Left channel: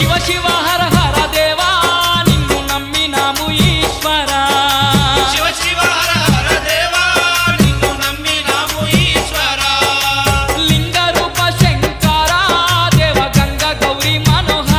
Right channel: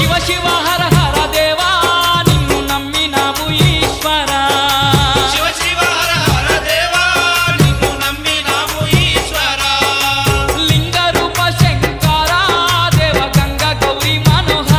శివ శివ హర హర దేవా నిన్ను నమ్మినాము ఈశ్వరా శివ శివ హర హర దేవా నిన్ను నమ్మినాము ఈశ్వరా లింగ రూప శంకరా దేవ గంగ గౌరీ మనోహర